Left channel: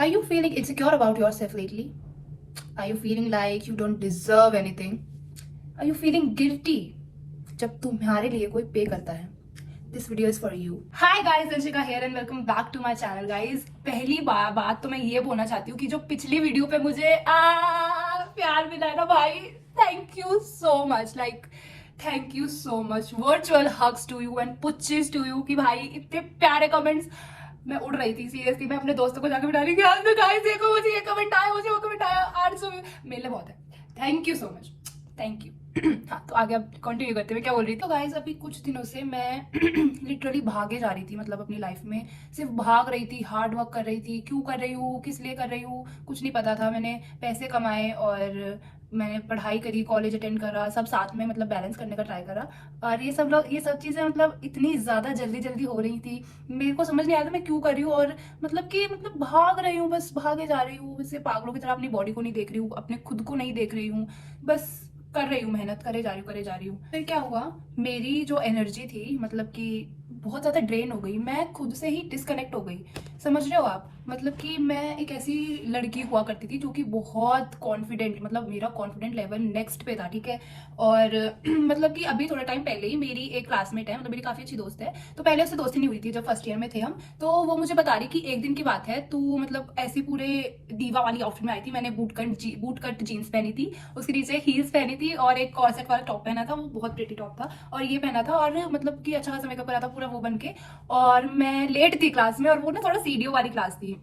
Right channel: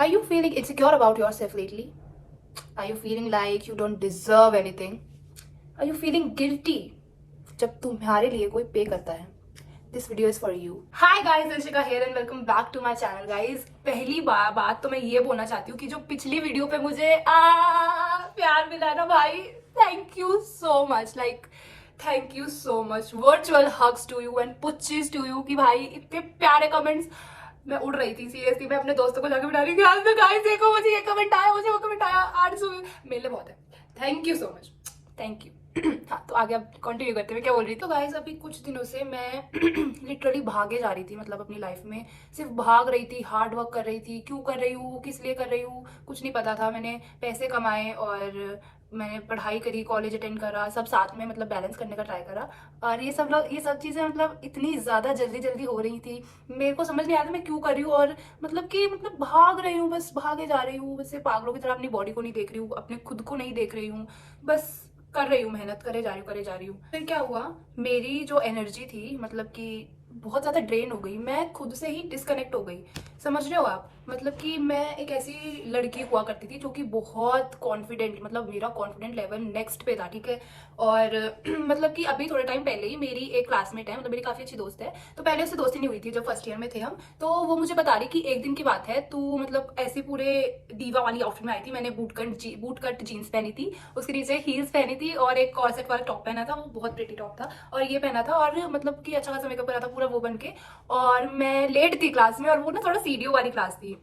Are you feeling insecure about yourself lately? Are you feeling like you don't deserve anything? Are you feeling guilty जब तुम्हारे लिए कोई पे करता है? This video is for you. Hi guys, Anshika here and welcome back to my channel guys. पहली बात तो मैं ये बोलना चाहती हूँ कि जो पिछली वीडियो पे मुझे प्यार मिला ना भाई, thank you so much. Thank you so much. Virtual hugs to you and puches to you कि भाई इतने प्यारे कमेंट्स. मैं उड़ रही थी सीरियसली. मैं अपने दोस्तों को जाकर बता रही थी आज तो गाइस देखो मुझे ये कमेंट आया, मुझे वो कमेंट आया. आज सुबह मेरे लिए बहुत है. Thank you so much. Thank you. हाँ तो आगे अब कंटिन्यू करते हुए क्या बोल रही थी. तो गाइस अभी कुछ दिनों से मैं लिटरली भागे जा रही थी, मतलब अपनी लाइफ में सिर्फ भाग रही थी, हार्ड वर्क कर रही थी. क्यों कर रही हूँ, किस लिए कर रही हूँ, कुछ नहीं पता था. मैंने पैसे कमाए और मैंने पढ़ाई करी, कॉलेज अटेंड करा, सब साथ में मतलब बैलेंस करने का ट्राई करा. और ये सब चीज़ें मतलब इतनी ज़्यादा जल्दी हो रही थी, मेरे को समझ नहीं आया था मैं क्यों कर रही हूँ. और मतलब भाग रही हूँ, बस भागे जा रही हूँ, वैसे पागलों की तरह अपनी बॉडी को नहीं देख रही हूँ, अपने खुद को नहीं देख रही हूँ, बस कर रही हूँ, मेहनत करे जा रही हूँ. फिर क्या हुआ, मेरी जो एनर्जी थी मतलब कि बहुत ज़्यादा ड्रेन हो गई. मैं खुद से ही डिस्कनेक्ट हो गई. समझ रहे हो आप, मतलब कि मैं एक ऐसी लड़की हुआ करती थी जो कि बहुत कॉन्फिडेंट, मतलब मेरा कॉन्फिडेंट लेवल नेक्स्ट पे था, ठीक है. और मतलब कि अभी थोड़े टाइम पहले ही मेरी एक क्लासमेट है, मतलब मेरी काफ़ी अच्छी दोस्त है. तो पहले उससे दोस्ती नहीं हुई थी जब फर्स्ट ईयर में थे हम. तो वो मुझे बता रही कि एक दिन की बात है, तू मतलब ऐसी पूरे दीवा वाली आउटफिट में आई थी. मैंने बूट कट जीन्स पहनी थी, उसके नीचे हील्स पहनी थी और एक कॉर्सेट वाला टॉप पहना था, वो बहुत प्रिटी टॉप था. और ये पहना था और मतलब कि अच्छा खासा मेकअप करा था पूरा वो बन के. और मैं लेट थी क्लास में, और वो ना थोड़ा सीडीओ वाली क्लास थी.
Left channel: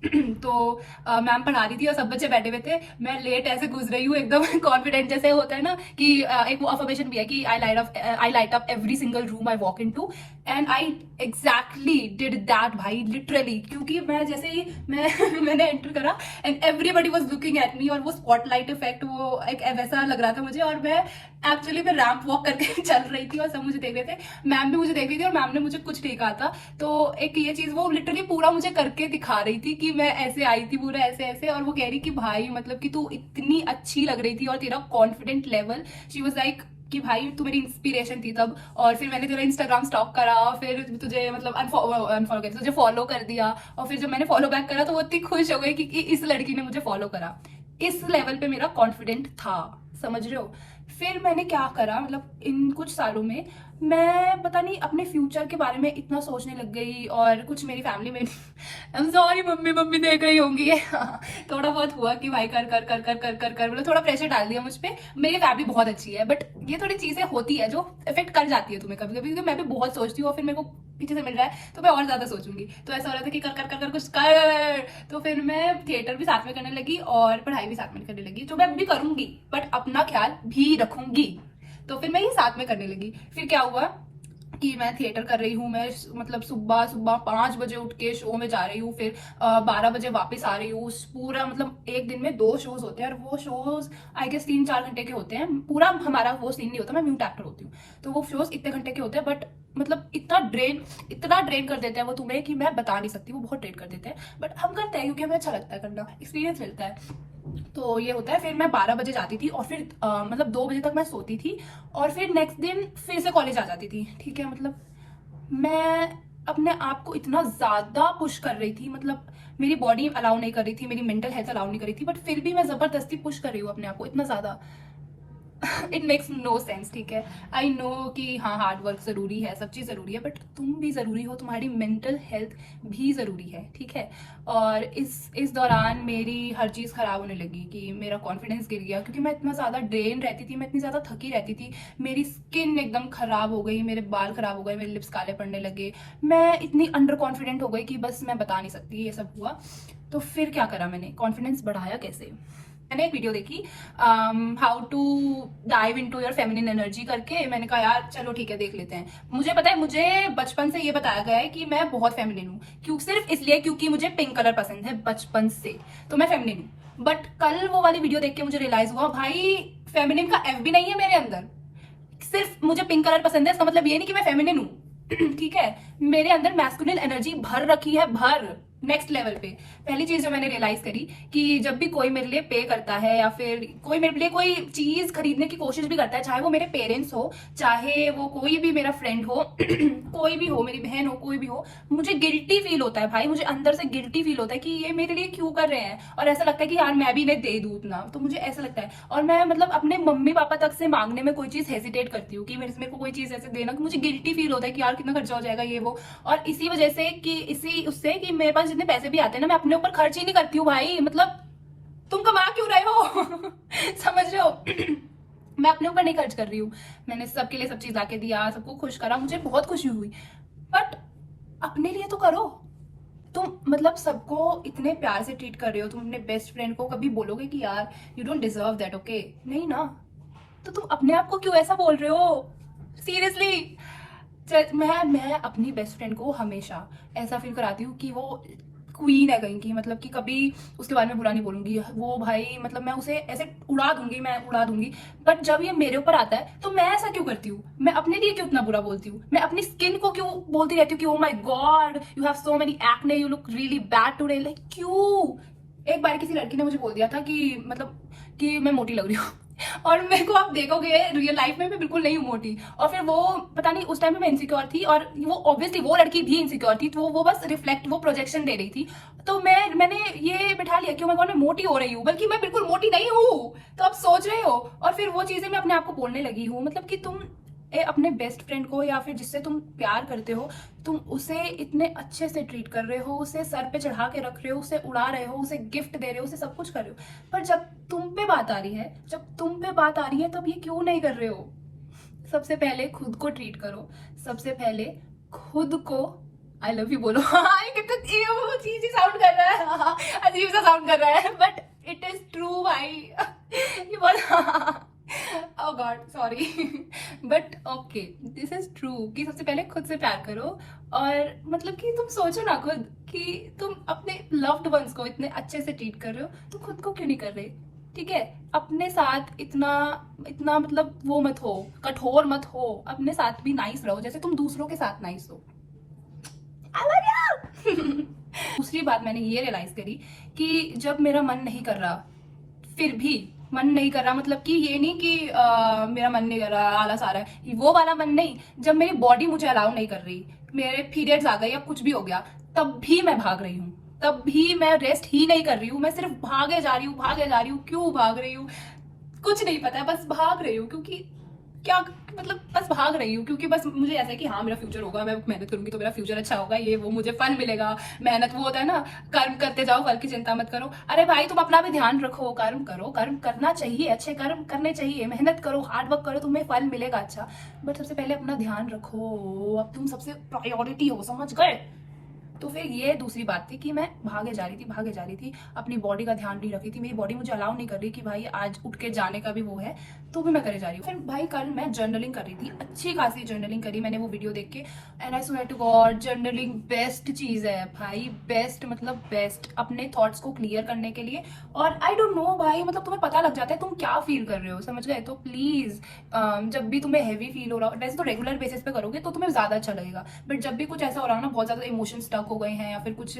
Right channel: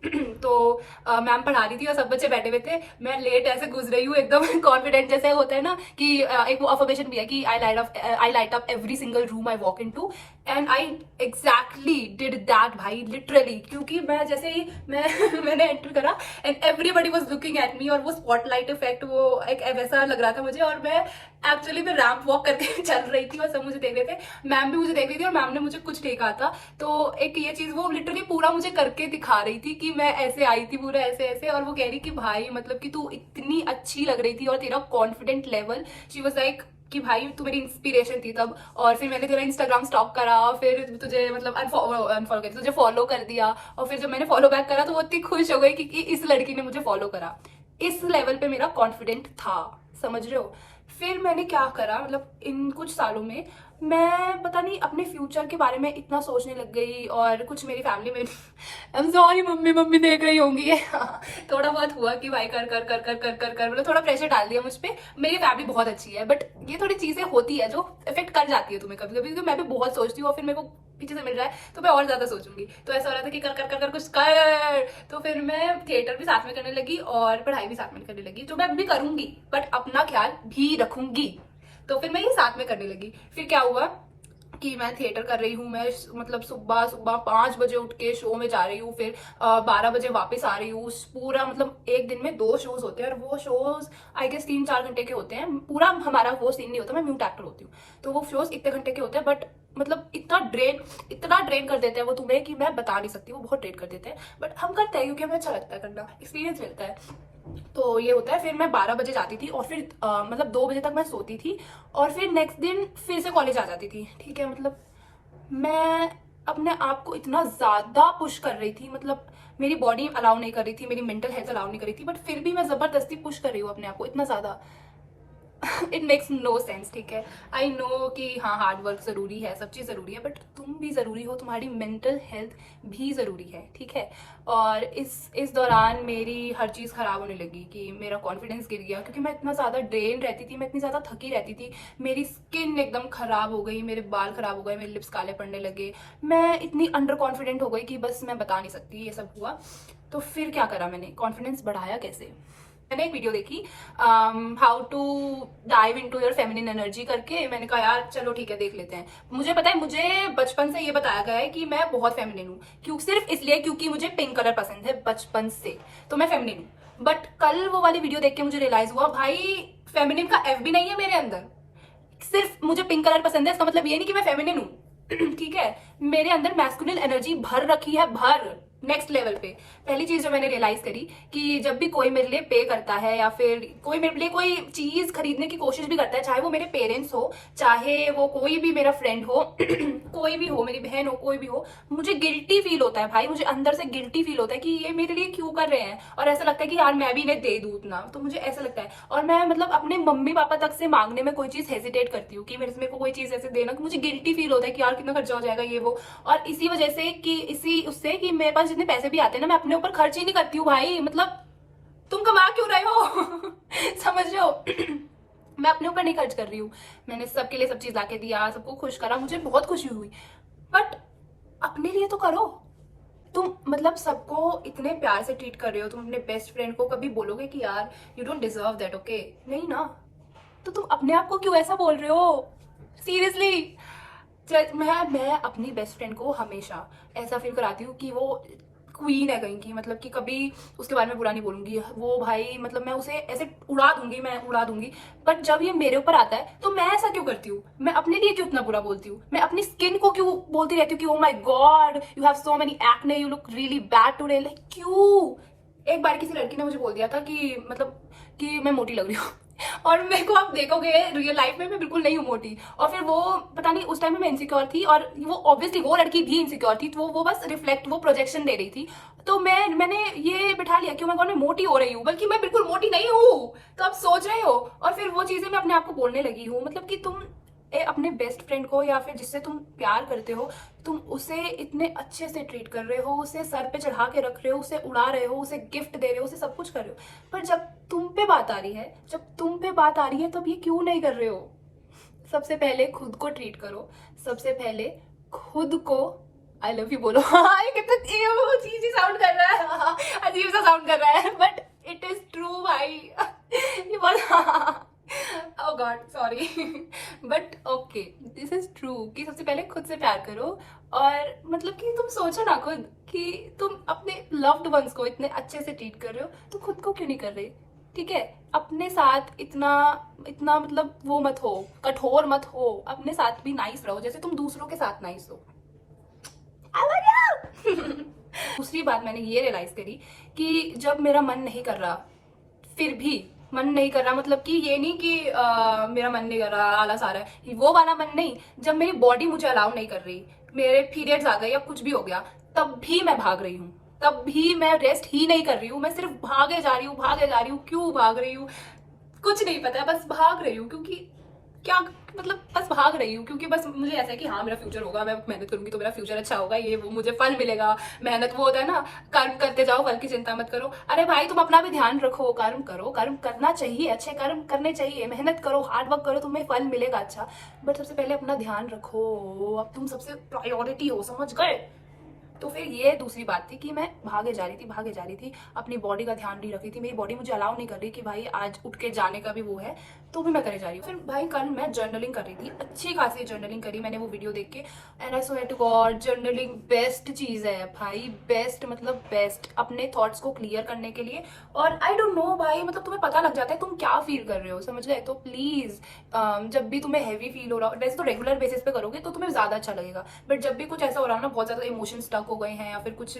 तो मैम पढ़ा रही थी और सब बच्चे बैठे हुए थे. मैं लेट ऐसे घुस रही हूँ एकदम कॉन्फिडेंट, जैसे होता है ना कि एक वो अफर्मेशन भी है कि I light up every single room I walk into. And I exactly did that भाई, लिटरली. क्योंकि मैं जैसे ही मैंने एंटर करा and everybody was looking at me, और वो स्पॉटलाइट इफेक्ट वो एक वैसा लग रहा था मुझे. और मैं एक्चुअली मैं रैंप वॉक करके चल रही थी और सब मुझे देख रहे थे. मैम भी मुझे देख रही थी और मैम ने मुझे कुछ नहीं कहा था. तो एक ये चीज वो लिटरली पूरा मुझे करके दिखा रही थी कि मैं ऐसे आई थी पूरा ऐसे ऐसे. और वो कह रही कि भाई मतलब कि तू इतनी अच्छी लग रही थी और तेरा confident level, she was like कि भाई तू मेरी इंस्पिरेशन थी तब. और फिर मैंने तेरा इंस्टाग्राम स्टॉक करा, फिर तुझे मतलब अनफॉलो कर, तुझे फॉलो कर दिया. और फिर जब मैंने फॉलो बैक करा तो वो इतनी खुश हो गई कि इस लड़की ने मुझे फॉलो करा. इस लेवल पे मेरा कॉन्फिडेंट था, समझ रहे हो. फिर मैंने क्या करा, मतलब इन कुछ सालों में मैं पता नहीं अपने फ्यूचर के बारे में इतना सोचने लग गई. और कुछ मेरी फैमिली में आई एम सॉरी मम्मी देख रही होंगी ये. थोड़ा बहुत हुआ कि भाई कर कर कर कर कर कर कर मतलब थोड़ा प्रेशर डाल दिया मुझ पे. मेरी फैमिली बहुत अच्छी है, बट ये थोड़ी चीजें होती है जो इफेक्ट कर जाती है तुम्हें कभी कभी, क्योंकि मैं भी बहुत सोचती हूँ और फिर मेरे को पीछे से मिल रहा है तो मैं और ज्यादा सोचूंगी. तो ऐसा हो रहा था कि कर कर कर कर कुछ कर. तो फिर मैं थिएटर भी साथ में करने लगी और पढ़ाई भी साथ में करने लगी, जो मैं भी करूंगी बट अपना ख्याल भी रखूंगी. तो फिर मैं ये साथ में करने लगी. फिर क्या हुआ कि मैं थिएटर कर रही हूँ, मैं मतलब सुबह सुबह 5 बजे उठ के शो में जा रही हूँ, फिर 12 बजे वापस आ रही हूँ. पूरा मतलब एक दिन में 2 शोज होते हैं और वो शोज आई गेस 3-4 घंटे के होते हैं. पूरा हमारा वो सीन नहीं होता, मैं म्यूट एक्टर होती हूँ. तो वो शोज इतने घंटे के होते हैं, बट मतलब इतना ड्रेन कर देते हैं वो तुम्हें कि मैं बता नहीं सकती. वो बहुत ड्रेन कर देते हैं, बट हम करते हैं क्योंकि हमें अच्छा लगता है करना, एक्सपीरियंस मिलता है. तो ये होता है. फिर मैं 12 बजे जाती थी और फिर मतलब 2 बजे तक मैं सोती थी. और फिर नेक्स्ट दिन फिर से कॉलेज आ जाती थी, ठीक है. मतलब मैं अपने आप को इतना ज्यादा पुश कर रही थी, मतलब मेरी बॉडी अलाउ नहीं कर रही थी, मेरी मेंटल हेल्थ अलाउ नहीं कर रही थी, बट फिर भी मैं जबरदस्ती पुश कर रही हूँ अपने आप को इतना ज्यादा. इट मेक्स नो सेंस, ठीक है. आई नो कि हाँ हार्ड वर्क जरूरी है, सब चीज जरूरी है, बट तुम भी जरूरी हो, तुम्हारी मेंटल हेल्थ भी जरूरी है, ठीक है. और इस दौरान मेरी हर चीज खराब होने लगी कि मेरा कॉन्फिडेंस गिर गया, क्योंकि मैं इतना ज्यादा ड्रेन रहती थी, मैं इतनी ज्यादा थकी रहती थी. मेरी स्किन एकदम खराब हो गई, मेरे बाल खराब हो गए, मेरे लिप्स काले पड़ने लगे. मैं इतनी अंडर कॉन्फिडेंट हो गई कि बस मैं बता नहीं सकती ये सब हुआ. तो फिर क्या करा मैंने, कॉन्फिडेंस बढ़ाया कैसे. मैंने एक वीडियो देखी how to dive into your feminine energy करके. मैंने कहा यार चलो ठीक है देख लेते हैं. मुझे पता है, मुझे बचपन से ये बताया गया है कि मैं बहुत फेमिनिन हूँ, क्यों सिर्फ इसलिए क्योंकि मुझे पिंक कलर पसंद है बचपन से, तो मैं फेमिनिन हूँ. बट कल वो वाली वीडियो देख के मुझे रियलाइज हुआ भाई फेमिनिन का एफ भी नहीं है मेरे अंदर. सिर्फ मुझे पिंक कलर पसंद है इसका मतलब ये नहीं कि मैं फेमिनिन हूँ. ठीक है, मेरे अंदर मैस्कुलिन एनर्जी भर रखी है, भर. नेक्स्ट लेवल पे। पहली चीज जो मैंने रियलाइज करी कि जब भी कोई मेरे लिए पे करता है या फिर कोई मेरे लिए कोई चीज खरीदने की कोशिश भी करता है, चाहे वो मेरे पेरेंट्स हो, चाहे वो कोई भी मेरा फ्रेंड हो कोई भी हो, मेरी बहन हो, कोई भी हो, मुझे गिल्टी फील होता है भाई। मुझे अंदर से गिल्टी फील होता है कि ये मेरे लिए क्यों कर रहे हैं, और ऐसा लगता है कि यार मैं भी इन्हें दे दूं उतना। तो मुझे ऐसा लगता है, और मैं मतलब अपने मम्मी पापा तक से मांगने में कोई चीज हेजिटेट करती हूँ कि मेरे को कोई चीज ऐसे देना, कि मुझे गिल्टी फील होता है कि यार कितना खर्चा हो जाएगा ये वो। और इसी वजह से कि इसी उससे कि मेरे पास जितने पैसे भी आते हैं ना, मैं अपने ऊपर खर्च ही नहीं करती हूँ भाई। मतलब तुम कमा क्यों रहे हो समझ रहे हो मैं अपने ऊपर नहीं खर्च कर रही हूँ। मैंने सबके लिए सब चीज लाके दिया, सबको खुश करा, मुझे बहुत खुशी हुई, बट अपने लिए तो करो। तुम मतलब सबको इतने प्यार से ट्रीट कर रहे हो, तुम अपने बेस्ट फ्रेंड को कभी बोलोगे कि यार you don't deserve that? Okay नहीं ना, तो तुम अपने आप को क्यों ऐसा बोल रहे हो? सीरियसली मैं अपनी बेस्ट फ्रेंड को हमेशा ऐसा फील कराती हूँ कि वो क्वीन है कहीं की, मतलब कि कभी उसके बारे में बुरा नहीं बोलूंगी वो भाई, मतलब मैं उसे ऐसे उड़ा दूंगी, मैं उड़ा दूंगी। बट जब ये मेरे ऊपर आता है तो मैं ऐसा क्यों करती हूँ? मैं अपने लिए क्यों इतना बुरा बोलती हूँ? मैं अपनी स्किन को क्यों बोलती रहती हूँ कि oh my God you have so many acne, you look really bad today? Like क्यों? एक बार किसी लड़की ने मुझे बोल दिया था कि मतलब कि मैं मोटी लग रही हूँ और मेरे को आप देखोगे रियल लाइफ में मैं बिल्कुल नहीं हूँ मोटी। और फिर वो पता नहीं उस टाइम में मैं इनसिक्योर थी, और वो ऑब्वियसली वो लड़की भी इनसिक्योर थी, तो वो बस रिफ्लेक्ट, वो प्रोजेक्शन दे रही थी। तो मैंने ये बिठा लिया कि मैं मोटी हो रही हूँ, बल्कि मैं बिल्कुल मोटी नहीं हूँ। तो आप सोच रहे हो, और फिर वो चीजें मैं अपने आप को बोलने लगी हूँ। मतलब कि तुम अपने बेस्ट फ्रेंड को या फिर जिससे तुम प्यार करते हो, तुम उसे इतने अच्छे से ट्रीट कर रहे हो, उसे सर पे चढ़ा के रख रहे हो, उसे उड़ा रहे हो, उसे गिफ्ट दे रहे हो, उसे सब कुछ कर रहे हो, पर जब तुम पे बात आ रही है, तब ये क्यों नहीं कर रहे हो? सबसे पहले खुद को ट्रीट करो, सबसे पहले खुद को आई लव यू बोलो ये कितना अजीब सी साउंड कर रहा है अजीब सा साउंड कर रहा है, बट इट इज ट्रू भाई ये बहुत oh God sorry but okay this is true कि सबसे पहले खुद से प्यार करो। और मतलब कि तुम सोचो ना खुद कि तुम अपने लव्ड वंस को इतने अच्छे से ट्रीट कर रहे हो, तो खुद को क्यों नहीं कर रहे? ठीक है, अपने साथ इतना इतना मतलब वो मत हो, कठोर मत हो, अपने साथ भी नाइस रहो जैसे तुम दूसरों के साथ नाइस हो। दूसरी बात मैंने ये रियलाइज करी कि जब मेरा मन नहीं कर रहा, फिर भी मन नहीं कर रहा, मतलब कि ये नहीं कि मेरा मन नहीं कर रहा आलस आ रहा है, वो वाला मन नहीं, जब मेरी बॉडी मुझे अलाउ नहीं कर रही, मेरे पीरियड्स आ गए या कुछ भी हो गया, तब भी मैं भाग रही हूँ, तब भी मैं रेस्ट ही नहीं कर रही हूँ, मैं सिर्फ भागे जा रही हूँ। क्यों भाग रही हूँ कुछ नहीं पता, बस भाग रही हूँ। क्योंकि क्या मतलब बस भाग रही हूँ क्योंकि बस मुझे ऐसा है कि हाँ मेरा फ्यूचर होगा, मैं मेहनत करूंगी तो मेरा फ्यूचर अच्छा होगा, ये वो मुझे फल मिलेगा। मेहनत वो होता है ना, कर्म करते जाओ फल की चिंता मत करो। अरे भाई तुम अपना भी ध्यान रखो, कर्म करो, कर्म करना चाहिए, अच्छे कर्म करने चाहिए, मेहनत करो, हार्ड वर्क करो, तुम्हें फल मिलेगा अच्छा। बट सबसे पहले अपना ध्यान रखो, अब तुम सबसे प्रायोरिटी हो, समझ गए? तो फिर ये दूसरी बात थी कि मैं भागे जा रही थी, अपनी बॉडी का ध्यान नहीं रख रही थी, मेरी बॉडी मुझे अलाउ नहीं कर रही कि भाई आज उठ के जाने का भी वो है, तो भी मैं करे जा रही हूँ। फिर भाई कल मैं जर्नलिंग कर रही थी, अच्छी खासी जर्नलिंग करी मैंने वो वीडियो देख के, and I swear to God journaling best चीज है भाई, बेस्ट मतलब बेस्ट अपने थॉट्स को क्लियर करने के लिए। और आई डोंट नो भाई, मतलब तुम्हें पता लग जाता है तुम क्या फील कर रहे हो, समझ गए? तो प्लीज जब भी तुम्हें हैवी फील हो रहा हो, वैसे तो रेगुलर बेसिस पे करोगे तो तुम्हें ज्यादा अच्छा लगेगा, बट जब भी कुछ ऐसा हो रहा हो ना, बहुत ज्यादा इमोशन स्टक हो गए हैं या फिर कुछ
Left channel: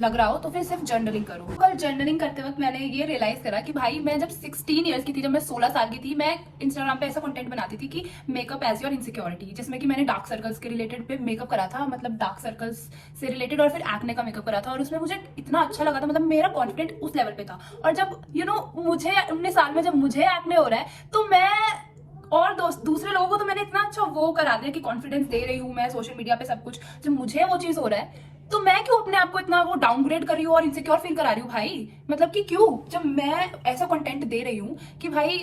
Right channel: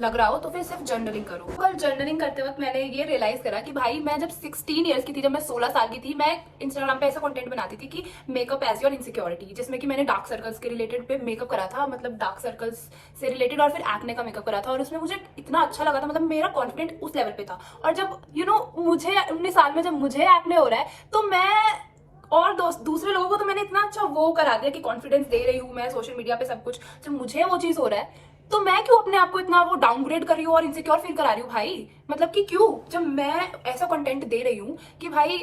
लग रहा हो, तो फिर सिर्फ जर्नलिंग करो। कल जर्नलिंग करते वक्त मैंने ये रियलाइज करा कि भाई मैं जब 16 ईयर्स की थी, जब मैं 16 साल की थी, मैं इंस्टाग्राम पे ऐसा कंटेंट बनाती थी कि मेकअप एज योर इनसिक्योरिटी, जिसमें कि मैंने डार्क सर्कल्स के रिलेटेड पे मेकअप करा था, मतलब डार्क सर्कल्स से रिलेटेड, और फिर एक्ने का मेकअप करा था, और उसमें मुझे इतना अच्छा लगा था, मतलब मेरा कॉन्फिडेंट उस लेवल पे था। और जब मुझे 19 साल में जब मुझे एक्ने हो रहा है, तो मैं और दूसरे लोगों को तो मैंने इतना अच्छा वो करा दिया कि कॉन्फिडेंस दे रही हूँ मैं सोशल मीडिया पे सब कुछ, जब मुझे वो चीज हो रहा है तो मैं क्यों अपने आप को इतना वो डाउनग्रेड कर रही हूँ और इनसिक्योर फील करा रही हूँ भाई? मतलब कि क्यों, जब मैं ऐसा कंटेंट दे रही हूँ कि भाई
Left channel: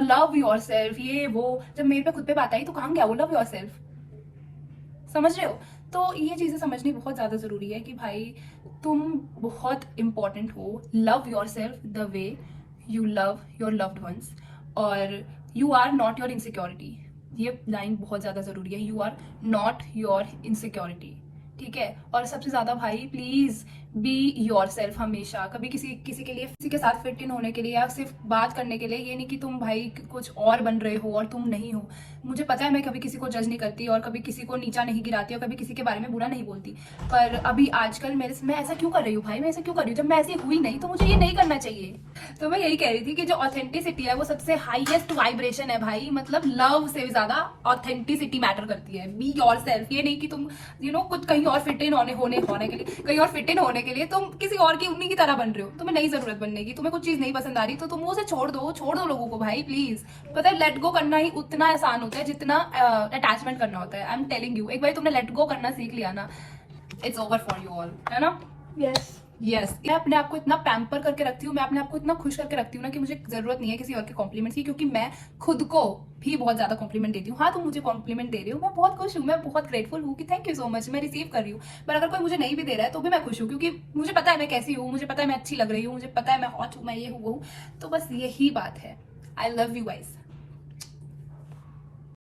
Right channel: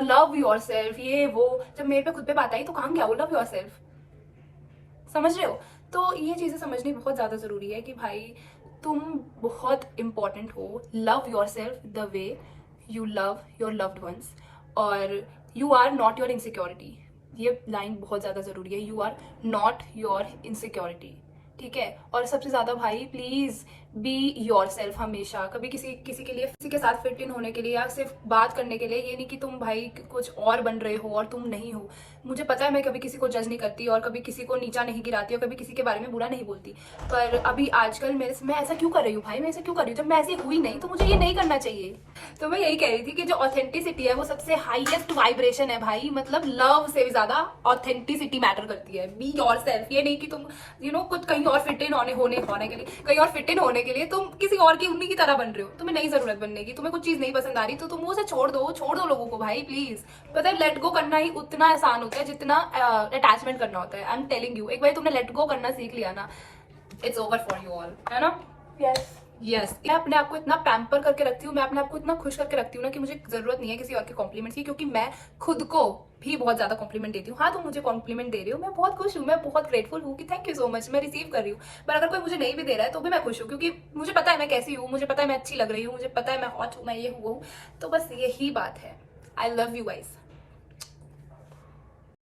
लव योर सेल्फ, ये वो, जब मेरे पे खुद पे बात आई तो कहाँ गया वो लव योर सेल्फ? समझ रहे हो? तो ये चीजें समझनी बहुत ज्यादा जरूरी है कि भाई तुम बहुत इंपॉर्टेंट हो, love yourself the way you love your loved ones, और you are not your insecurity. ये लाइन बहुत ज्यादा जरूरी है, you are not your insecurity, ठीक है? और सबसे ज्यादा भाई प्लीज बी योर सेल्फ हमेशा। कभी किसी किसी के लिए, किसी के साथ फिट इन होने के लिए या सिर्फ बात करने के लिए, ये नहीं कि तुम भाई कुछ और बन रहे हो और तुम नहीं हो। मुझे पता है मैं कभी किसी को जज नहीं करती और कभी किसी को नीचा नहीं गिराती और कभी किसी के बारे में बुरा नहीं बोलती, पर अभी आजकल मैं ऐसा क्यों कर रही हूँ भाई, मैं ऐसा क्यों कर रही हूँ? जब मैं ऐसी हुई नहीं तो मुझे ये नहीं करना चाहिए। तो मैं यही कह रही थी कि जो ऑथेंटिसिटी है वो सबसे हाईएस्ट वाइब्रेशन है भाई, मतलब लव से भी ज्यादा ऑथेंटिसिटी मैटर करती है। बी योर सेल्फ, ये नहीं कि तुम कुछ कहीं और फिट इन होने के लिए, कहीं और फिट इन होने के लिए तुम किसी और की उन्हीं की तरह बन रहे हो। तुम्हें नहीं जरूरत बनने की, तुम्हें कुछ चीज नहीं पसंद आ रही तो तुम उसे छोड़ दो लोगों को भाई प्लीज। पता है लेट गो करना ही उतना आसान होता है जितना अटैचमेंट करना होता है। आई एम टेलिंग यू, एक बार तुमने लेट गो करना सीख लिया ना, it's over for you all, है ना? यस, मैं अपने आप को इतना पैम्पर करके रखती हूँ, मैं अपने आप को इतना खुश करके रखती हूँ ना कि मुझे जरूरत नहीं है किसी और के कॉम्प्लीमेंट्स की, क्योंकि मैं खुद को भी बहुत ज्यादा कॉम्प्लीमेंट देती हूँ। हाँ तुम मुझे कॉम्प्लीमेंट दे रही हो, मैं बहुत खुश हूँ, मैं बहुत ग्रेटफुल हूँ कि थैंक यू सो मच, मैं रिसीव कर रही हूँ। पर अगर कोई मुझे नहीं भी दे रहा है तो भी मैं खुश हूँ, क्योंकि मुझे पता है मैं कैसी हूँ, मुझे पता है मैं अच्छी लग रही हूँ, मुझे पता है मैं हॉट हूँ, मैं ये हूँ वो हूँ। तो बस यही बात है। I love you guys.